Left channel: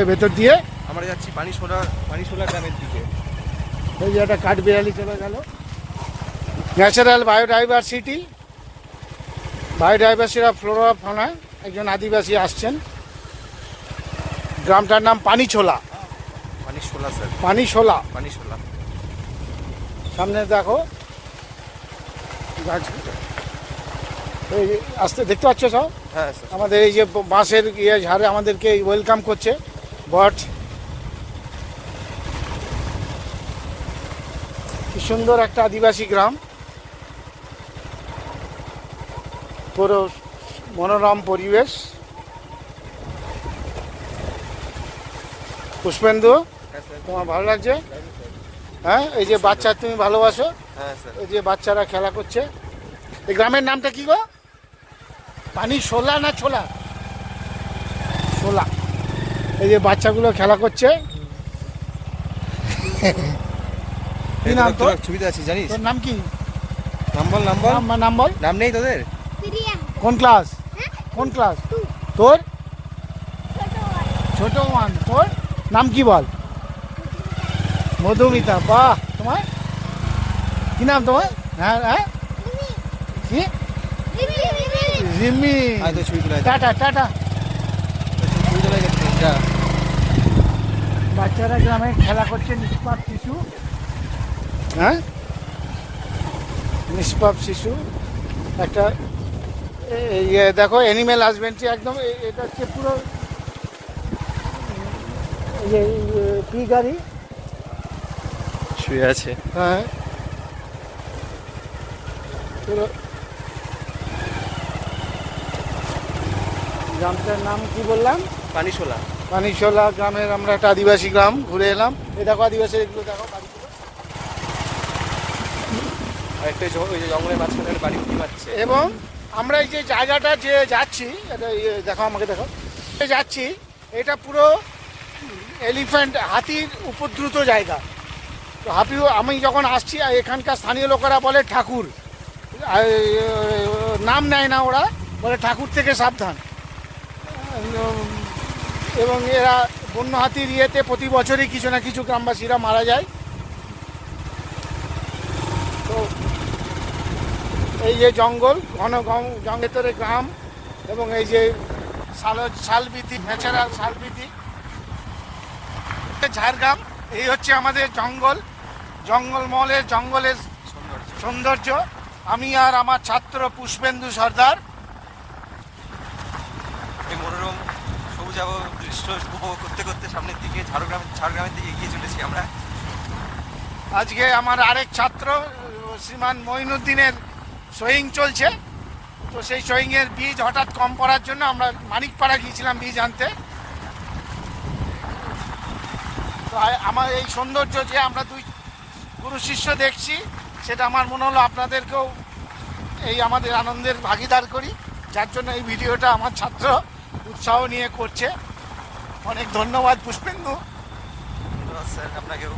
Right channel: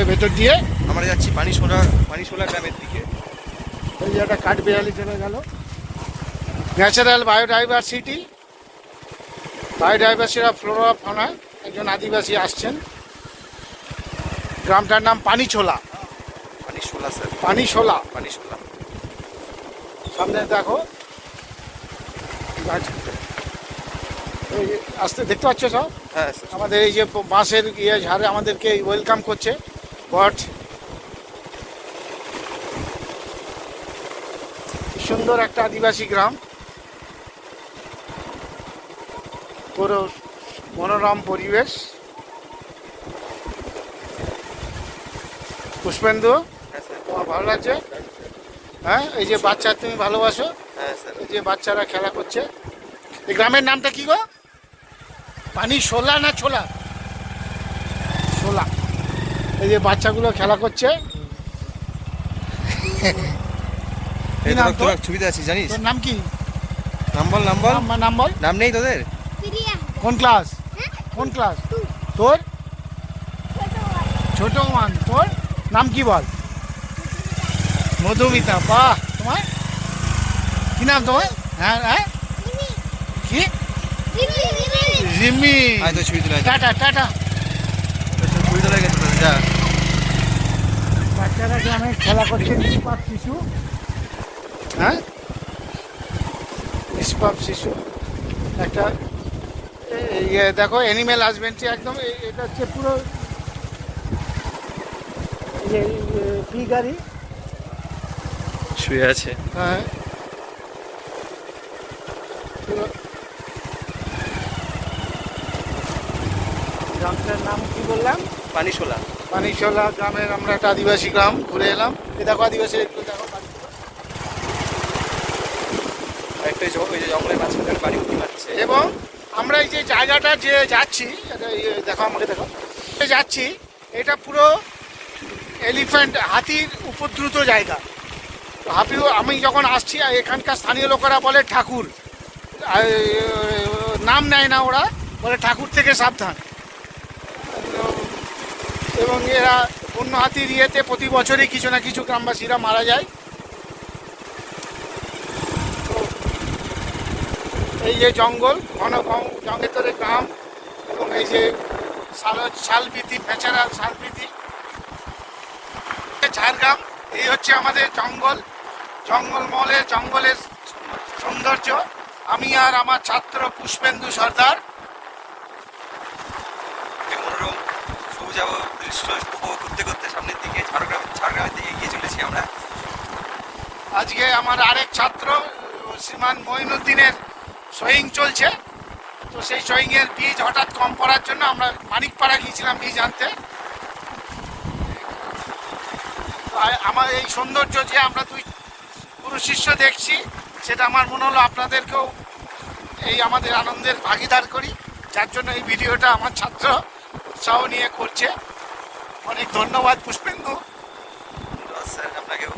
জঙ্গলের ভেতর দিয়ে আমরা যাচ্ছি পানিশোলা গ্রামের দিকে। ওই যে একটা কাঠবিড়ালি চলে গেল। ন্যাচারাল বায়োডাইভার্সিটি অফ ফ্লোরা ফানা, একজন আদিবাসী আসছেন। গ্রামটার নাম পানিছোলা। স্যার, পানিশোলা। পানিশোলা। সামনে দেখো গাছ, এই যে আসতে দেখতে পাচ্ছ সব। হ্যাঁ স্যার। আমাদের এই যে বাঁশের ঝাড়ে আমাদেরকে ওয়েলকাম করছে বট। কি সুন্দর একটা আদিবাসী গ্রাম, পুরো মনোরম পরিবেশ। পুষ্পেন্দু, হ্যাঁ স্যার। তোমার ভালো লাগছে? হ্যাঁ, এই যে বাচ্চা তুমি ভালোবাসো, হ্যাঁ স্যার। এই যে বাচ্চারা খেলা করছে। এই গ্রামের নামটা কি গো? পানিশোলা না ছোলা? শোলা। এই যে বাচ্চাগুলো খেলা করছে। এই নাম তোরা তোর? ছবিতে আছিস জানিস? তোর নাম কি? নাম বল। নাম বল। নাম নেই তোদের? কোন ক্লাস? কোন ক্লাস তোর? ছোট ওয়ান। তোর নাম কি বল? মধুমিতা। বাহ, তোমার কি নাম তোমার? হ্যাঁ হ্যাঁ, কি? রিমি। আয় তো ছবি তুলে আয়। Tata tata. ছবি তুলে গেছে যা। বাচ্চারা গ্রামে খেলা করছে, নিষ্পাপ শিশু। হ্যাঁ, নিষ্পাপ শিশু। একটা ইয়ে দেখো, অ্যানিম্যাল হাজবেন্ডারি একদম। এটা হচ্ছে পুরো কি গাড়ি শুয়ে আছে। হ্যাঁ, পুরো গ্রামটার নাম কি বললাম? পানিশোলা। পানিশোলা গ্রামের আমরা একটা আদিবাসী গ্রাম ঘুরে এলাম। এ দেখো আদিবাসী, এগুলো দেখো বাড়িগুলো। একটা ওই যে জঙ্গলের মাঝখানে বাড়ি উঠি মারছে। এবং আমরা এই যে জায়গাটা যে যাচ্ছি, এটা দেখো, আমাকে দেখো, যাচ্ছি, এটা পুরো এলিফ্যান্ট, হাতির উপদ্রুত জায়গা। তো আমি যখন আসছি, এখানকার স্থানীয় লোকেরা বলে ঠাকুর, নাম নেয় না ওরা, বলে ঠাকুর থেকে সাবধান। এবং এরা বন্য হাতির ইয়েতে প্রতি বছরই কিছু না কিছু গ্রামবাসীরা মারা যায়। তো এই যে জঙ্গল, ঘন জঙ্গলের গ্রাম, এবং এই যে শালবৃতি, ন্যাচারাল শালবৃতি, ঝাড়গ্রাম। এই হচ্ছে আমাদের জঙ্গলের সৌন্দর্য। আমি আর আমার ছাত্র পুষ্পেন্দু সর্দার মনোরম সবুজাব দৃশ্য উপভোগ করতে করতে সামনের দিকে ঝাড়গ্রামের দিকে এগিয়ে চলেছি আমরা। আজকে আমার আরেক ছাত্র শ্রীমান মঈনুদ্দিনের সোয়িং চলছে। তো সেই সোয়িংয়ের বীজ হঠাৎ কম পড়ার জন্য আমরা মানিকপাড়া গিয়েছিলাম বীজ আনতে। তো আমার এই সৌন্দর্য যে আমরা দুই পুরো শিষ্য দেখছি, সেটা আমার মনে হলো আপনাদেরকেও এই আমাদের আনন্দের ভাগিদার করি, যার জন্য এই ভিডিওটা আমার ছাত্র উৎসাহ নিয়ে করছে। অনেক ধন্যবাদ পুষ্পেন্দু। স্যার আপনাকেও।